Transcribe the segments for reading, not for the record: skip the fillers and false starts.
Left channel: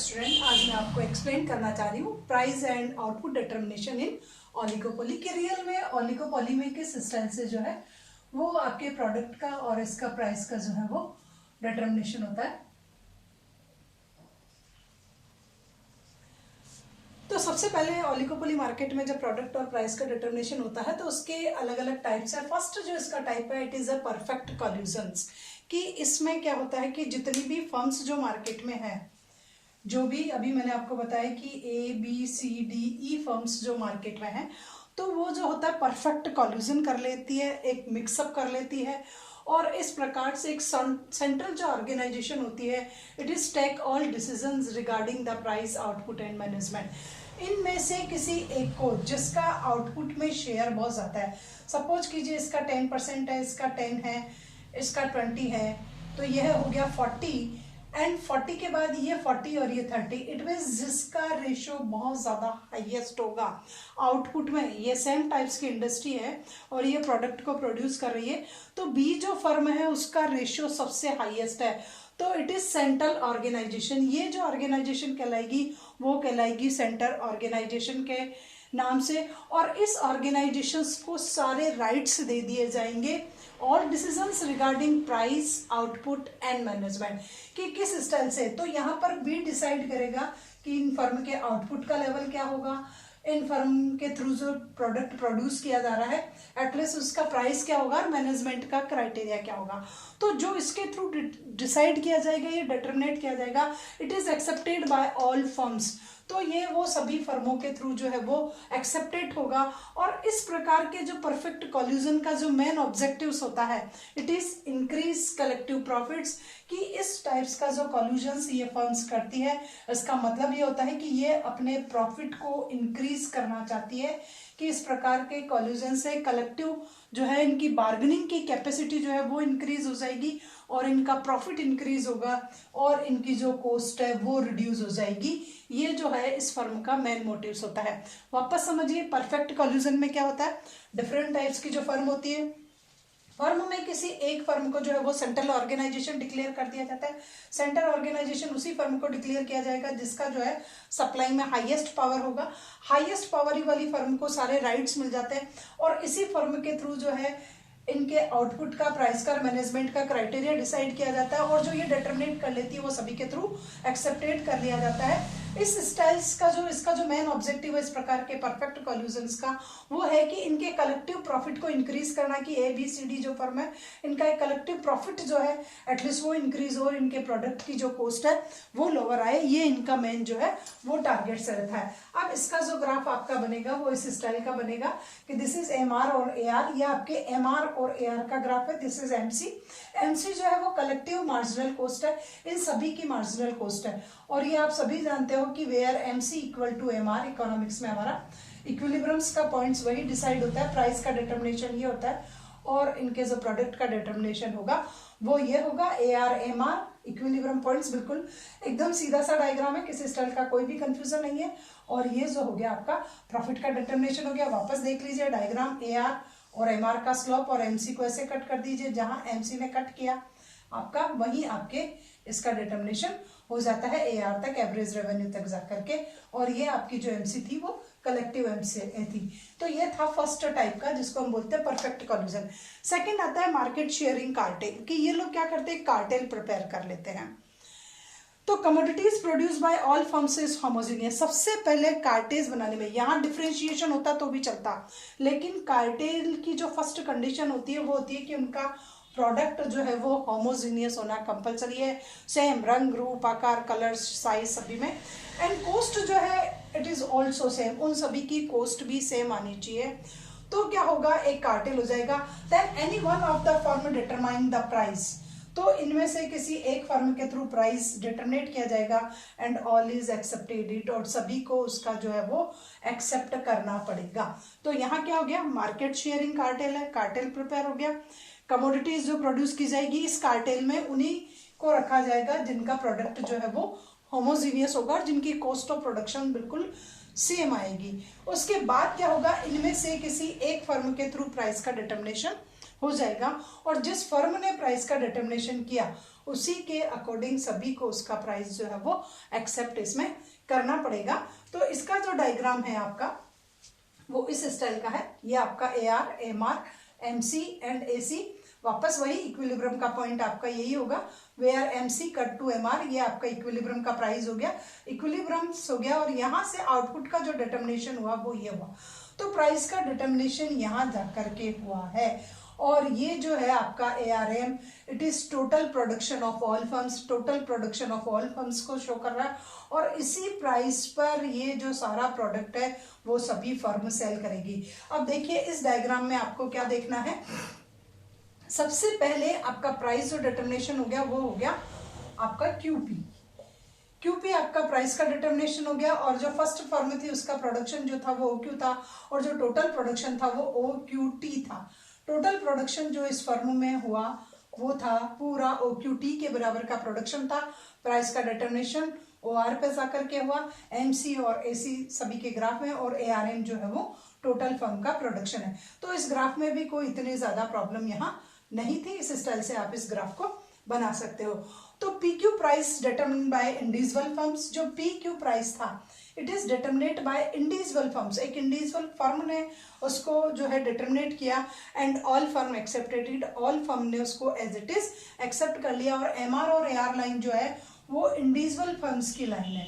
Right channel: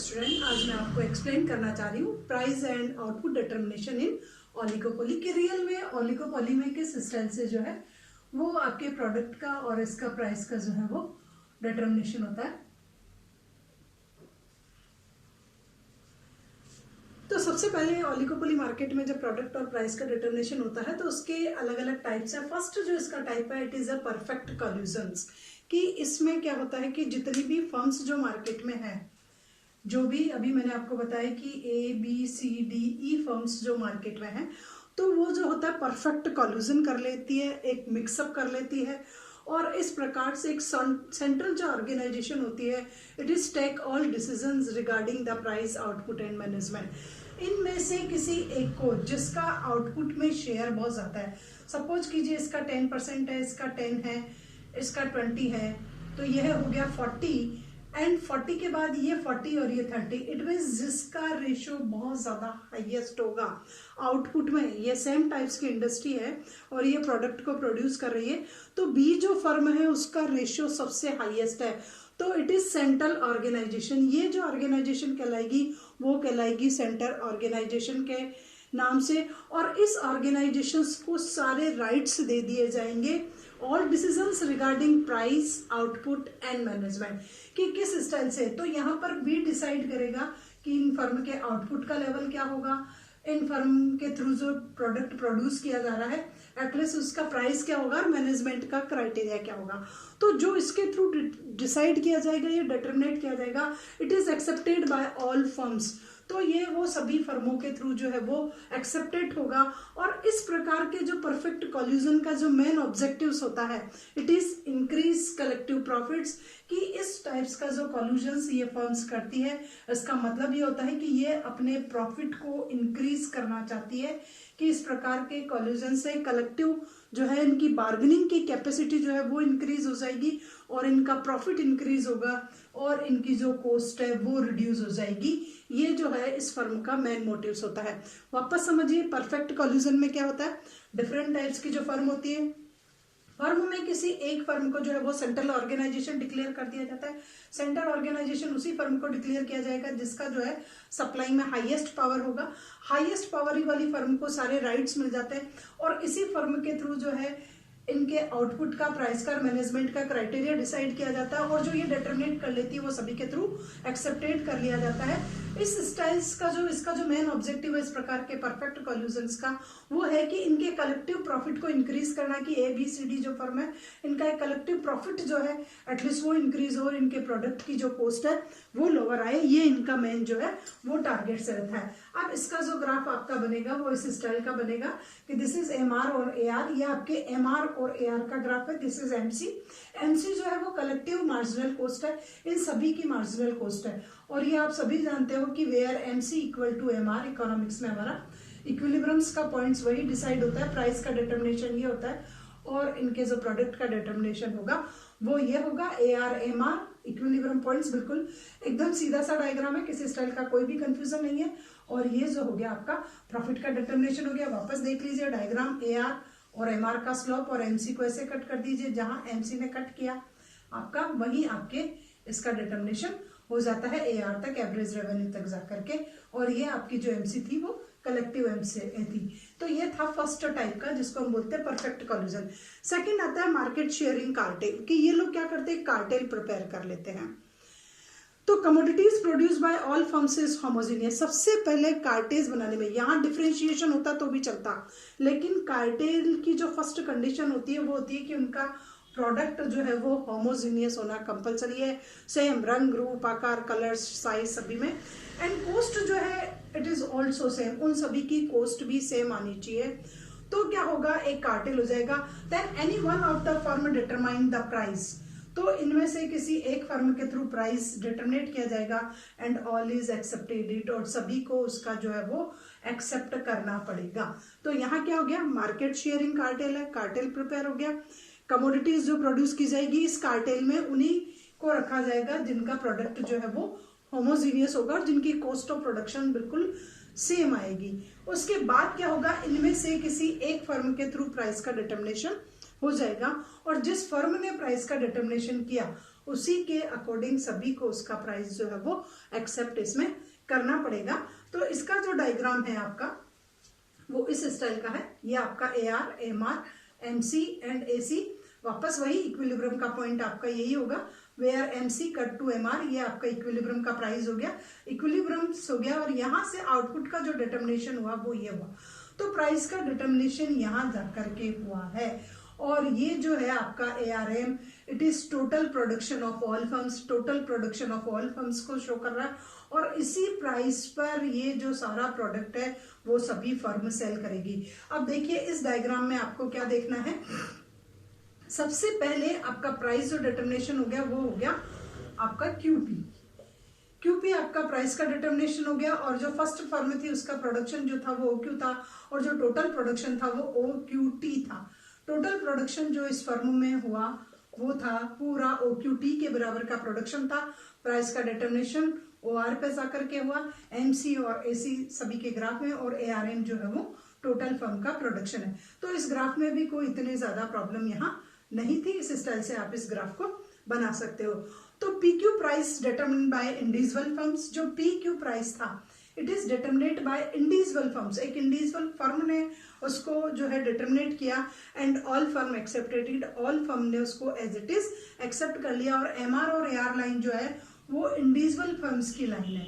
Student, आज मैं आपको एक्सप्लेन करना चाह रही हूँ price and output determination in oligopoly कि रियल में ओलिगोपोली में किस स्टाइल से जो है वो आपके प्रोडक्ट का और इसका प्राइस का जो है वो डिटर्मिनेशन होता है। तो सबसे पहले ओलिगोपोली मार्केट में जब प्रोडक्ट और प्राइस का डिटर्मिनेशन होता है तो उसके अलग अलग टाइप्स है। फर्स्ट जो इसका टाइप है, इट इज़ अ परफेक्ट कोल्यूशंस, कि इसमें क्या होता है कि जितनी भी फर्म्स जो मार्केट में है, जो भी अभी मैंने आपको बताया कि ABCDE फर्म्स जो मार्केट में हैं, तो वो जो होता है परफेक्ट कोल्यूजन कर लेती है, एक मिक्सअप कर लेती है और इस प्रकार से एक सेंट्रल जो ऑर्गेनाइजेशन होती है, it is take all decisions regarding the price, output and management. इनमें से किसी एक को जिसका आउटपुट में शेयर बहुत ज़्यादा है, सपोज कीजिए इसका 10% है, इसका 10 है, इसका 20 है, तो यह हो गया 40 एंड 40 के बाद ये 40 और ये 30, इट मीन्स जिसका रेशो बहुत ज़्यादा हाईएस्ट होगा आउटपुट में। ये सेम टाइप्स की इंडस्ट्री है और ये प्रोडक्ट को प्रोड्यूस कर रही है, तो बी जो फर्म है उसका रेशो सबसे हाईएस्ट है, तो इट इज सेंट्रल ऑर्गेनाइजेशन। ये जो ऑर्गेनाइजेशन कहलाएगी वो कहलाएगी सेंट्रल ऑर्गेनाइजेशन के नाम से, और इस ऑर्गेनाइजेशन को सारे राइट्स दे दिए जाएंगे, all decisions regarding price, output and management, कि किस स्टाइल से। तो यहाँ पर बी डिसाइड करेगा कि इन फर्म के आउटपुट का लेवल क्या होगा, इन फर्म के थ्रू जो प्रोडक्ट प्रोड्यूस किया जा रहा है एटलीस्ट उसका प्राइस क्या होगा और मैनेजमेंट का क्राइटेरिया क्या होगा। तो जो इसके थ्रू डिसाइड किया जाएगा, ये डिटरमिनेट किया जाएगा, it is accepted by all firms, तो ये वो सभी फर्मों के थ्रू जो है वो एक्सेप्टेड होगा। और इस प्रकार के जो परफेक्ट कोल्यूजन का जो मेन ऑब्जेक्टिव्स होता है, it is increase collective profits, कि इस टाइप्स का जो कोल्यूजन्स ये फर्म्स करती है, इसका मतलब ये होता है कि ये अपने प्रॉफिट को इंक्रीज करना चाहती है, कि इस प्रकार के कोल्यूजन से कलेक्टिव जो है इनकी बार्गेनिंग की कैपेसिटी जो है वो इंक्रीज हो जाएगी और इनका प्रॉफिट इंक्रीज होगा और इनकी जो कॉस्ट है वो रिड्यूस हो जाएगी। ये जो है इस फर्म का मेन मोटिव्स होता है। वापस समझिए, परफेक्ट कोल्यूजन में क्या होता है, डिफरेंट टाइप्स की जो फर्म होती है, फर्म में किसी एक फर्म को जो है वो सेंट्रल ऑर्गेनाइजेशन डिक्लेयर कर दिया जाता है। सेंट्रल ऑर्गेनाइजेशन उसी फर्म को डिक्लेयर किया जाएगा जिसका जो है सप्लाई में हाईएस्ट पावर होगा। हाईएस्ट पावर वाली फर्म को सारे राइट्स मिल जाते हैं और इसी फर्म के थ्रू जो है इनके आउटपुट का, प्राइस का, मैनेजमेंट का क्राइटेरिया डिसाइड किया जाता है और जो ये डिटरमिनेट कर लेती है वो सभी के थ्रू एक्सेप्टेड कर लिया जाता है। इस स्टाइल्स का जो इसका जो मेन ऑब्जेक्टिव है इस प्रकार के परफेक्ट कोल्यूजन्स का, वो है कि इनके कलेक्टिव प्रॉफिट को इंक्रीज करना, कि ABCD जो फर्म है इनका एक कलेक्टिव प्रॉफिट जो है एटलीस्ट वो इंक्रीज हो और इनके प्रोडक्ट की जो कॉस्ट है वो लोअर आए, ये इनका मेन जो है वो टारगेट से रहता है। अब इसका जो ग्राफ आपका बनेगा वो इस स्टाइल का बनेगा कि दिस इज MR और AR, ये आपके MR और AR का ग्राफ है, दिस इज MC जो है वो कलेक्टिव मार्जिनल कॉस्ट है, इन सभी की मार्जिनल कॉस्ट है। और ये आप सभी जानते हो कि where MC equal to MR, economics में हमारा इक्विलिब्रियम्स का पॉइंट्स वही डिसाइड होता है, प्राइस का डिटर्मिनेशन ये होता है और इनके जो प्रोडक्ट का डिटर्मिनेशन होगा वो ये होगा AR MR इक्विलिब्रियम पॉइंट्स। बिल्कुल एकदम सीधा सा डायग्राम है, किसी स्टाइल का कोई भी कंफ्यूजन नहीं है। और ये जो हो गया आपका प्रॉफिट का डिटर्मिनेशन हो गया। वापस देख लीजिए डायग्राम, AR और MR का स्लोप और MC को ऐसे कट कर दीजिए, जहां MC ने कट किया आपका वहीं आपके इसका डिटर्मिनेशन हो जाता है AR तक, एवरेज रेवेन्यू तक जाकर के, और ये आपकी जो MC थी वो कलेक्टिव MC थी। तो ये था फर्स्ट टाइप का जिसको हम बोलते हैं परफेक्ट कोल्यूजन। सेकंड आता है मार्केट शेयरिंग कार्टेल, कि ये लोग क्या करते हैं, कार्टेल प्रिपेयर कर लेते हैं। तो commodities produce by all firms is homogeneous. सबसे पहले कार्टेल्स बनाने में यहाँ डिफरेंशिएशन होता तो भी चलता, लेकिन कार्टेल की जो फर्स्ट कंडीशन होती है वो होती है कि उनका प्रोडक्ट जो है वो होमोजीनियस होना कंपलसरी है, सेम रंग, रूप, आकार, कलर्स, साइज सभी में, एंड कॉस्ट जो है इट इज ऑल्सो सेम, उन सभी की कॉस्ट भी सेम आनी चाहिए। तो क्या होगा, एक कार्टेल हो जाएगा। Then any one of the firm determine the price, तो इनमें से किसी एक फर्म के थ्रू प्राइस डिटरमिनेट किया जाएगा and all is accepted it, और सभी को उसका जो है वो एक्सेप्ट करना पड़ेगा। तो यहाँ क्या हो गया, मार्केट शेयरिंग कार्टेल है, कार्टेल प्रिपेयर हो गया। कमोडिटीज जो प्रोड्यूस की जाएगी इस कार्टेल में उन्हीं को रखा जाएगा जिनका प्रोडक्ट जो है वो होमोजीनियस होगा और जिनकी कॉस्ट ऑफ प्रोडक्शन बिल्कुल सेम आएगी। उसके बाद क्या होगा, इनमें से किसी एक फर्म के थ्रू प्राइस का डिटर्मिनेशन हो जाएगा, और जिस फर्म ने प्राइस का डिटर्मिनेशन किया उसी के अकॉर्डिंग सभी को उसका प्राइस जो है वो एक्सेप्ट इसमें करना पड़ेगा। तो इसका जो डायग्राम है आपका वो इस स्टाइल का है। ये आपका AR, MR, MC and AC, वापस वही इक्विलिब्रियम का पॉइंट आपका यही होगा, where MC cut to MR, ये आपका इक्विलिब्रियम का प्राइस हो गया, इक्विलिब्रियम हो गया, और यहाँ से आउटपुट का जो डिटर्मिनेशन हुआ वो ये हुआ। तो प्राइस का डिटर्मिनेशन यहाँ जा करके हुआ है, और ये जो है आपका ARM, it is total production of all firms, total production of all firms को शो कर रहा है, और इसी प्राइस पर ये जो सारा प्रोडक्ट है वो सभी फर्म सेल करेगी। अब देखिए इस डायग्राम में आपको क्या देखना है, सबसे पहले आपका प्राइस जो डिटर्मिनेशन हो गया वो हो गया आपका QP आपका प्राइस का डिटर्मिनेशन हो गया, और जो फर्स्ट फर्म थी उसका प्रोडक्शन जो था वो OQ था, और जो टोटल प्रोडक्शन था वो OQT था। टोटल प्रोडक्शन जो इस फर्म में हुआ वो था पूरा OQT के बराबर का प्रोडक्शन था। प्राइस का डिटर्मिनेशन OR पे जाकर के हुआ, MC और AC सभी के ग्राफ में, और ARM जो है वो टोटल फर्म का प्रोडक्शन है। तो इस ग्राफ में भी कोई इतनी ज्यादा प्रॉब्लम यहाँ नहीं थी, इस स्टाइल से आप इस ग्राफ को बना सकते हो। तो PQ price determined by individual firms, जो PQ प्राइस था it is determinate by individual firms, एक इंडिविजुअल फर्म ने उसको जो है डिटरमिनेट किया, and all firm accepted it, all firm ने उसको एज इट इज एक्सेप्ट कर लिया। और MR और AR लाइन जो है वो इंडिविजुअल फर्म्स की लाइन है,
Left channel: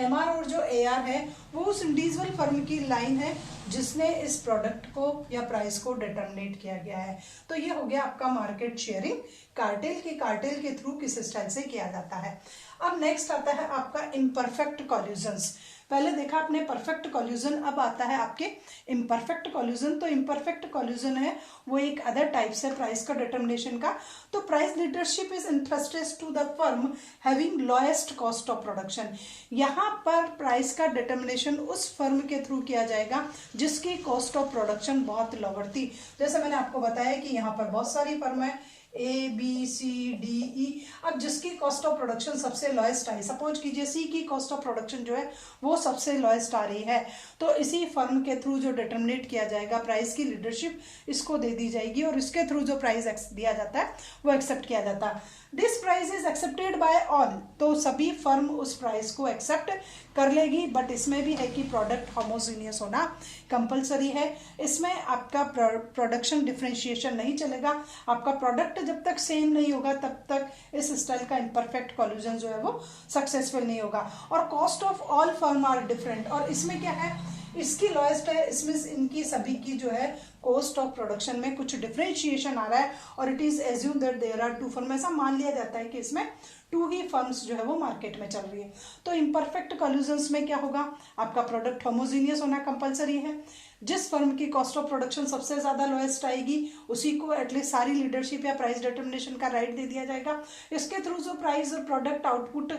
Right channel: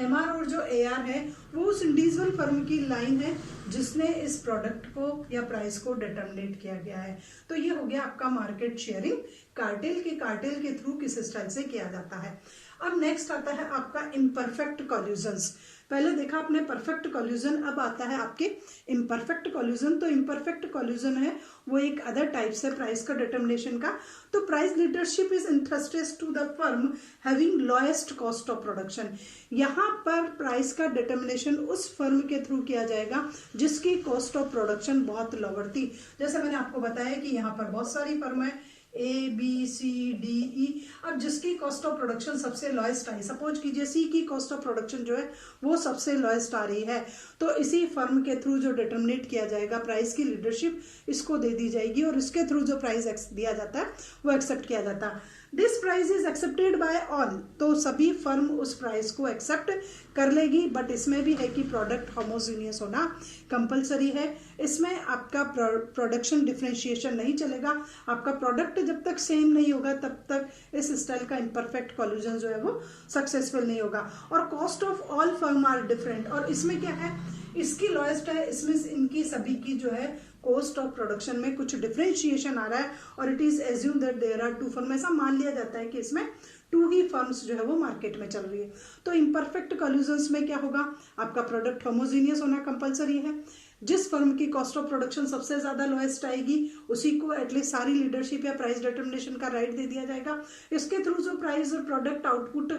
MR और जो AR है वो उस इंडिविजुअल फर्म की लाइन है जिसने इस प्रोडक्ट को या प्राइस को डिटरमिनेट किया गया है। तो ये हो गया आपका मार्केट शेयरिंग, कार्टेल के थ्रू किस स्टाइल से किया जाता है। अब नेक्स्ट आता है आपका इम्परफेक्ट कॉल्यूजन्स। पहले देखा आपने परफेक्ट कॉल्यूजन, अब आता है आपके इम्परफेक्ट कॉल्यूजन। तो इम्परफेक्ट कॉल्यूजन है वो एक अदर टाइप्स है प्राइस का डिटर्मिनेशन का। तो price leadership is interested to the firm having lowest cost of production. यहाँ पर प्राइस का डिटर्मिनेशन उस फर्म के थ्रू किया जाएगा जिसकी कॉस्ट ऑफ प्रोडक्शन बहुत लोअर थी। जैसे मैंने आपको बताया कि यहाँ पर बहुत सारी फर्म है ABCDE, अब जिसकी कॉस्ट ऑफ प्रोडक्शन सबसे लोएस्ट आई, सपोज कीजिए C की कॉस्ट ऑफ प्रोडक्शन जो है वो सबसे लोएस्ट आ रही है, तो इसी फर्म के थ्रू जो डिटर्मिनेट किया जाएगा प्राइस की लीडरशिप इसको दे दी जाएगी, और इसके थ्रू जो प्राइस दिया जाता है वो एक्सेप्ट किया जाता है। This price is accepted by all, तो सभी फर्म उस प्राइस को एक्सेप्ट कर लेगी, बट इसमें भी है कि प्रोडक्ट होमोजीनियस होना कंपलसरी है। इसमें आपका प्रोडक्शन डिफरेंशिएशन नहीं चलेगा, आपका प्रोडक्ट जब तक सेम नहीं होगा तब तक इस स्टाइल का इम्परफेक्ट कॉल्यूजन जो है वो सक्सेसफुल नहीं होगा। और cost of all firm are different, और इसमें क्या है, इसकी लोएस्ट है, इसमें इनकी सभी की जो है कॉस्ट ऑफ प्रोडक्शन में कुछ डिफरेंशिएशन आ रहा है, और it is assume that there are two firm, ऐसा मान लिया जाता है कि इसमें 2 ही फर्म्स जो है वो मार्केट में चल रही है। तो इम्परफेक्ट कॉल्यूजन्स में क्या होगा, आपका प्रोडक्ट होमोजीनियस होना कंपलसरी है, जिस फर्म की कॉस्ट ऑफ प्रोडक्शन सबसे ज्यादा लोएस्ट आएगी उसी को एटलीस्ट सारी लीडरशिप या प्राइस डिटर्मिनेशन का राइट दे दिया जाएगा। इसके थ्रू जो प्राइस प्रोडक्ट आउटपुट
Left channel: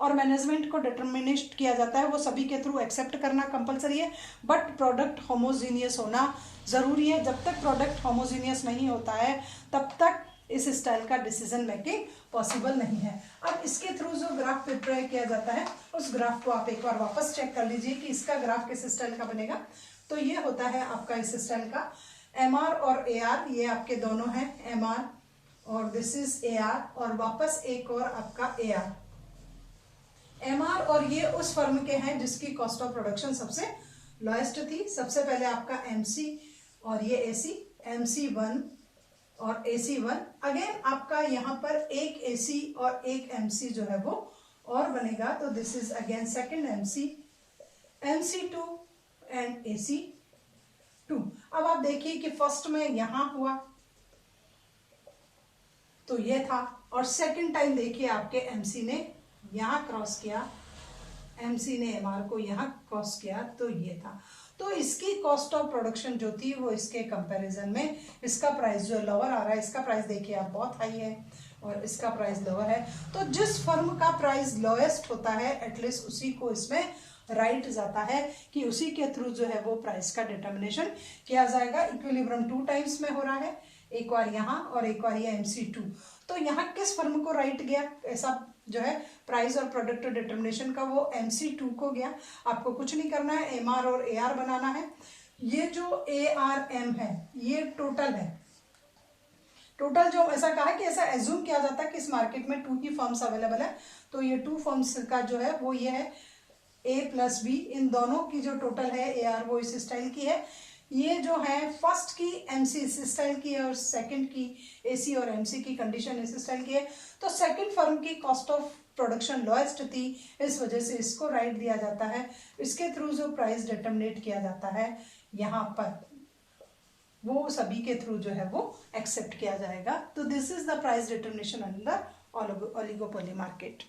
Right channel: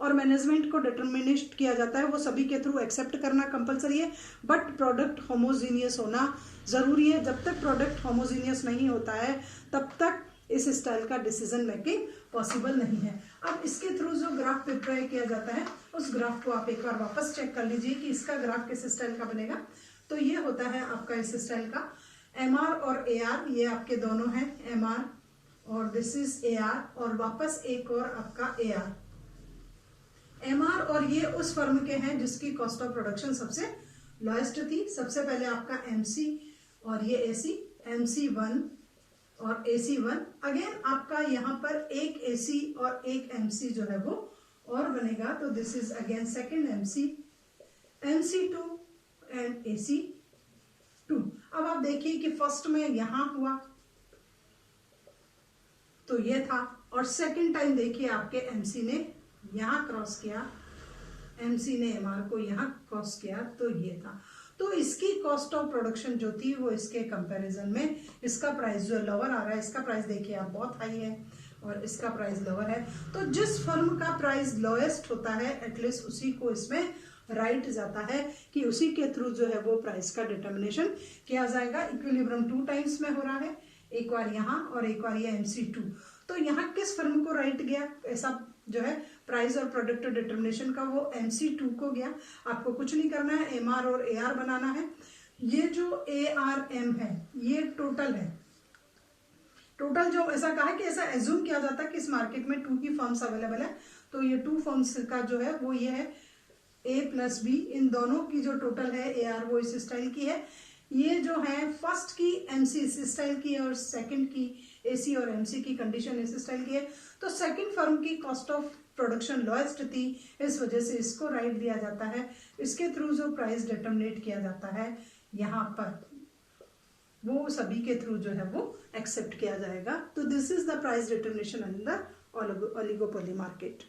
और मैनेजमेंट को डिटर्मिनेट किया जाता है वो सभी के थ्रू एक्सेप्ट करना कंपलसरी है, बट प्रोडक्ट होमोजीनियस होना जरूरी है। जब तक प्रोडक्ट होमोजीनियस नहीं होता है तब तक इस स्टाइल का डिसीजन मेकिंग पॉसिबल नहीं है। अब इसके थ्रू जो ग्राफ प्रिपेयर किया जाता है उस ग्राफ को आप एक बार वापस चेक कर लीजिए कि इसका ग्राफ किस स्टाइल का बनेगा। तो ये होता है आपका इस स्टाइल का MR और AR, ये आपके दोनों हैं MR और दिस इज AR, और वापस एक और आपका AR MR, और ये उस फर्म के हैं जिसकी कॉस्ट ऑफ प्रोडक्शन सबसे लोएस्ट थी। सबसे पहले आपका MC और ये AC, MC1 और AC1, अगेन आपका यहाँ पर एक AC और एक MC जो है वो और बनेगा, तो this is again second MC, MC2 and AC2। अब आप देखिए कि फर्स्ट में यहां हुआ तो ये था, और सेकंड टाइम देखिए आपके MC ने यहां क्रॉस किया, MC ने MR को यहां क्रॉस किया, तो ये था। तो इसकी कॉस्ट ऑफ प्रोडक्शन जो थी वो इसके कंपैरिजन में इसका प्राइस जो लोअर आ रहा है, इसका प्राइस देखिए आप बहुत हाई है और इसका प्राइस लोअर है। तो जिस फर्म का प्राइस लोएस्ट होता है एटलीस्ट उसी को इसमें राइट जाता है कि उसी के थ्रू जो है वो प्राइस का डिटर्मिनेशन किया जाएगा। इक्विलिब्रियम 2 टाइम्स में हो रहा है, एक बार यहाँ और एक बार ये MC2। तो यहाँ किस फर्म को राइट गया ऐसा जो है प्राइस और प्रोडक्ट डिटर्मिनेशन का, वो MC2 को गया। आपको कुछ नहीं करना है, MR और AR बनाना है। ये जो ARM है ये टोटल है, टोटल जो ऐसा कहा है कि ऐसा एज्यूम किया जाता है कि इस मार्केट में 2 ही फर्म्स अवेलेबल है, तो ये 2 फर्म्स का जो है वो ये है A प्लस B, इन दोनों की जो टोटल है AR वो इस स्टाइल की है। ये जो है फर्स्ट की MC इस स्टाइल की है और सेकंड की AC और MC की कंडीशन इस स्टाइल की है। तो सेकंड फर्म की कॉस्ट ऑफ प्रोडक्शन लोएस्ट थी, इस वजह से इसको राइट दिया जाता है। इसके थ्रू जो प्राइस डिटरमिनेट किया जाता है यहाँ पर वो सभी के थ्रू जो है वो एक्सेप्ट किया जाएगा। तो this is the price determination in the oligopoly market.